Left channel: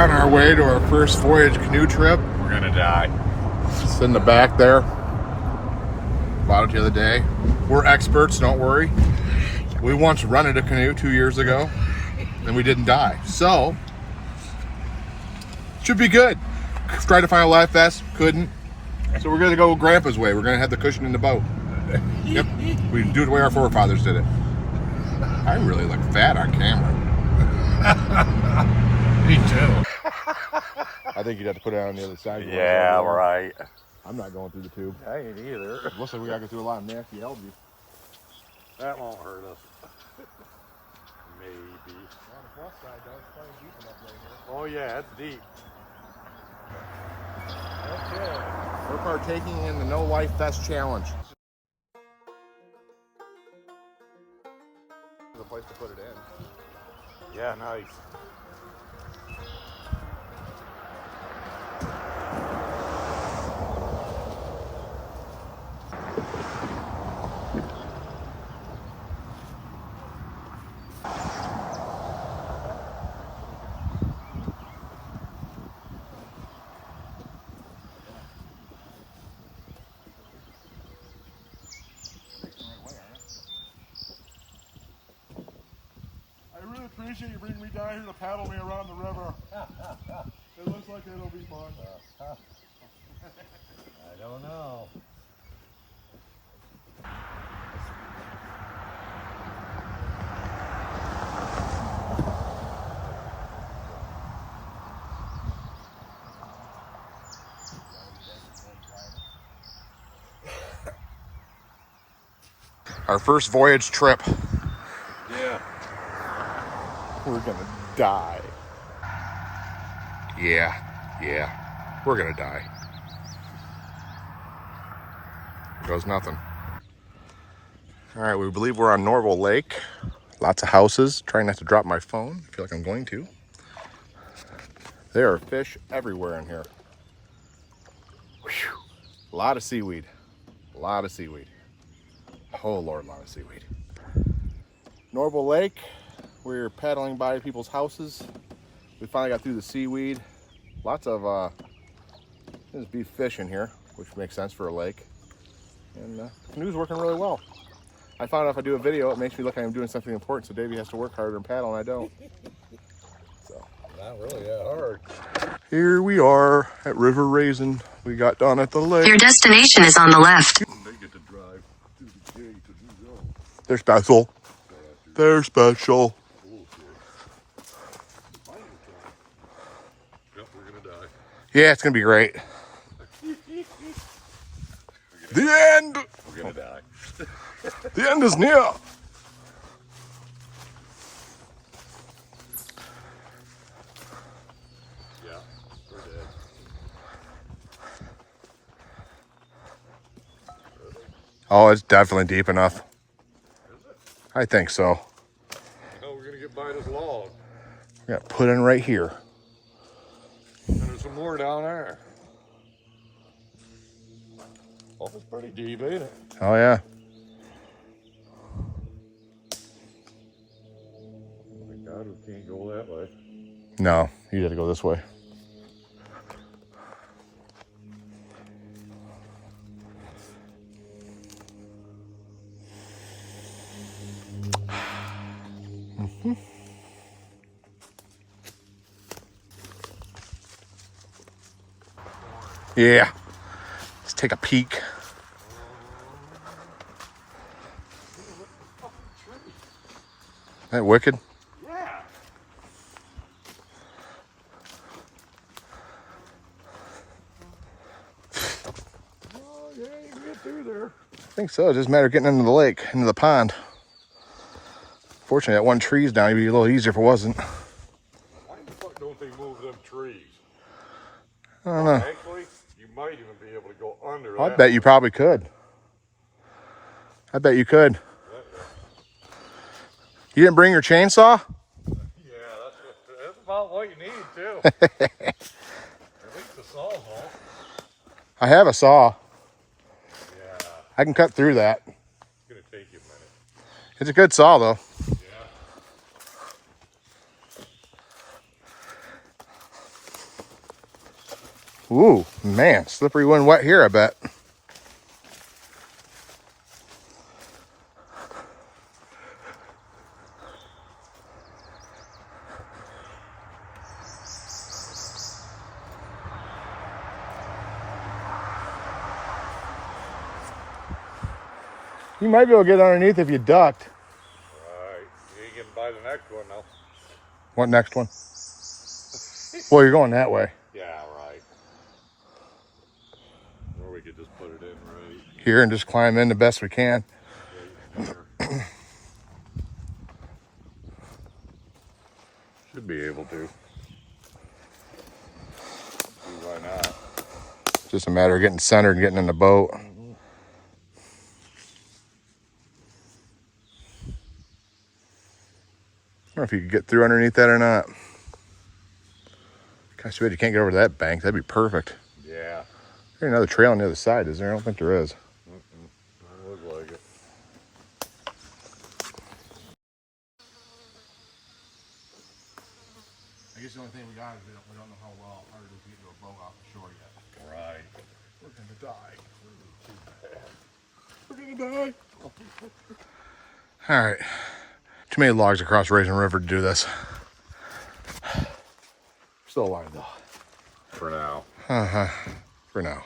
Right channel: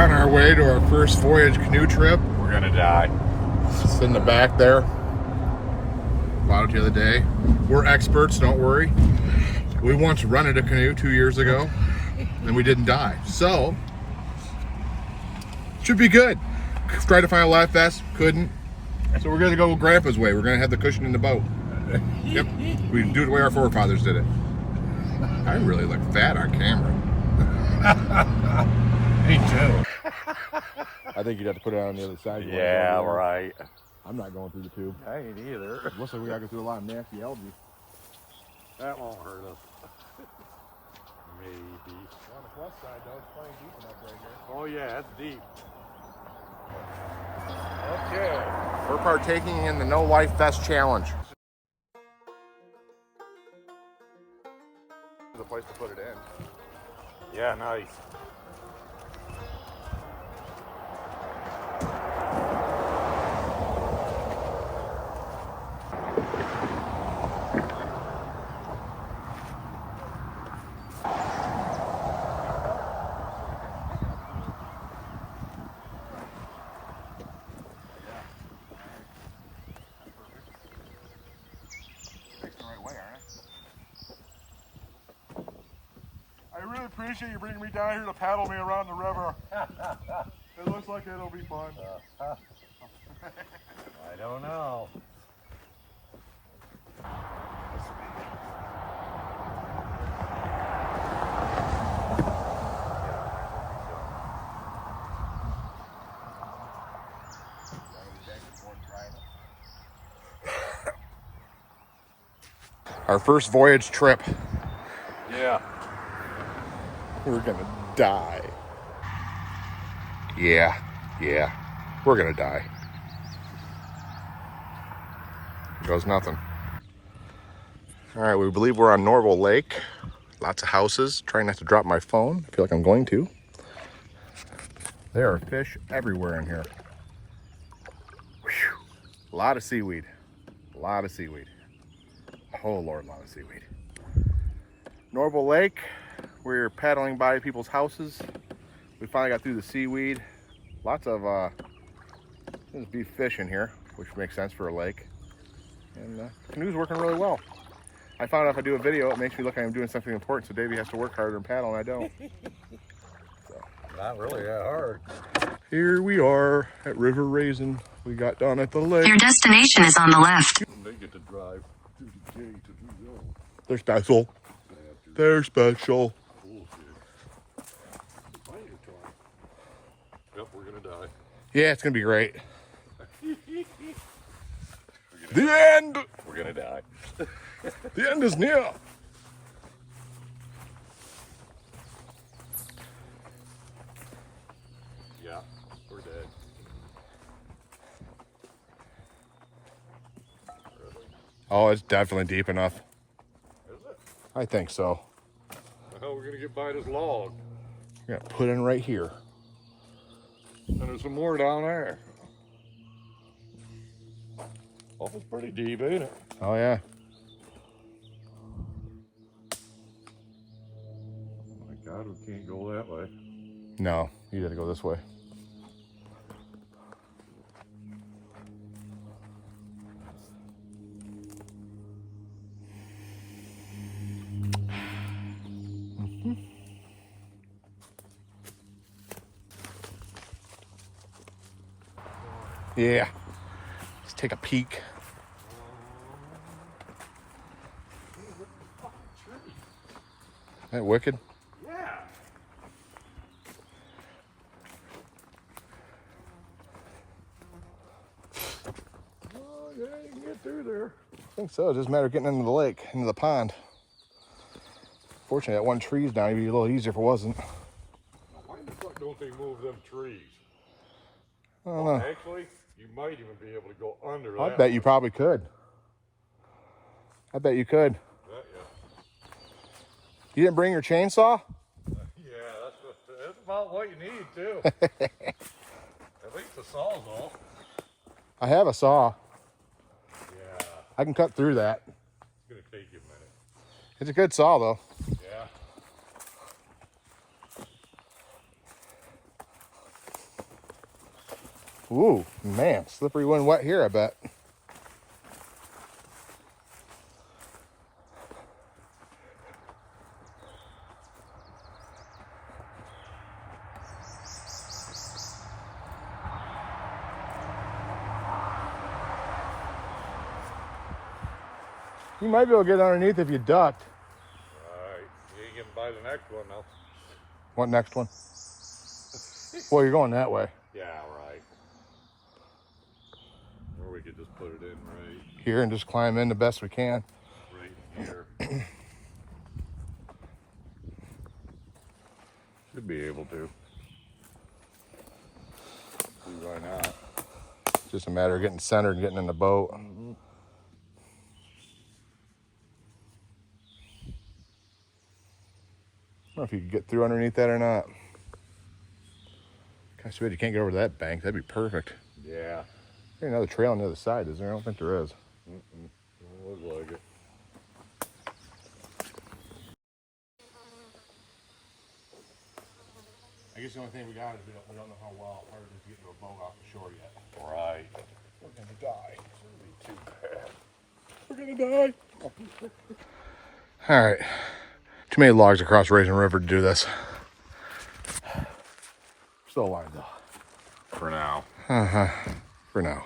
on our way to our first voyage canoe trip. We're gonna die. It's in the back there. Bought it the other day. We're experts, don't worry. We once rented a canoe 2 years ago, and we didn't die. So, should be good. Tried to find a life vest, couldn't. So we're gonna go Grandpa's way. We're gonna have the cushion in the boat. Yep, we do it the way our forefathers did it. I really look fat on camera. Me too. I think you'd have to put it on the other side. Yeah, right. I'm not going through the tube. I ain't either. Looks like we gotta go through a lot of nasty algae. That won't hurt us. Maybe. On the plus side, though, it's plenty deep enough right here. Oh yeah, it's deep. Okay. We're partaking in the No Life Vest Challenge. The place to put it in. Yeah, nice. I really appreciate you bringing me down here to paddle me around the river. It looks like it'll be fun. I don't know. Our first voyage trip. Yeah. We're gonna die. Yeah, we're gonna die. Here goes nothing. All right, we believe we're on Norval Lake. Lots of houses. Trying not to drop my phone. I feel like I'm going to. There are fish everywhere in here. Whew. A lot of seaweed. Oh Lord, a lot of seaweed. Norval Lake. We're paddling by people's houses. We finally got through the seaweed. Lots of there's beef fish in here, which makes sense for a lake. And the canoe's working really well. I found out if I do a video, it makes me look like I'm doing something important, so Davey has to work harder and paddle, and I don't. So Not really that hard. here we are at River Raisin. We got down at the lake. Your destination is on the left. They get to drive to the gate to do go. They're special. They're special. Yep, we're gonna die. Yeah, it's gonna be great. The end! We're gonna die. The end is near. Yeah, we're dead. Oh, it's definitely deep enough. Is it? I think so. How we're gonna get by this log? We got put in right here. And there's some more down there. Oh, it's pretty deep, ain't it? Oh yeah. Thank God we can't go that way. No, you had to go this way. Yeah. Let's take a peek. Isn't that wicked? Yeah. Oh, yeah, you can get through there. I think so. It doesn't matter getting into the lake, into the pond. Fortunately, that one tree's down. It'd be a little easier if it wasn't. Why the fuck don't they move them trees? I don't know. Actually, you might even be able to go under I that. bet you probably could. I bet you could. Well, yeah. You didn't bring your chainsaw? Yeah, that's about what you need, too. At least the saw's off. I have a saw. Yeah, I can cut through that. it's going to take you a minute. It's a good saw, though. Yeah. Ooh, man, slippery when wet here, I bet. You might be able to get underneath if you ducked. Alright. You ain't getting by the next one though. What next one? Well, you're going that way. Yeah, right. Or we could just put it in right Here and just climb in the best we can. there. Should be able to. See why not? Just a matter of getting centered and getting in the boat. I don't know if you could get through underneath that or not. Gosh, too bad you can't get over to that bank. That'd be perfect. Yeah. There's another trail on the other side, is there? I don't think there is. Doesn't look like it. I guess the only thing we got is we don't know how well hard it is to get to a boat off the shore yet. Right. We're gonna die. We're gonna die. All right. Too many logs across Raisin River to do this. Still alive though. For now. For now.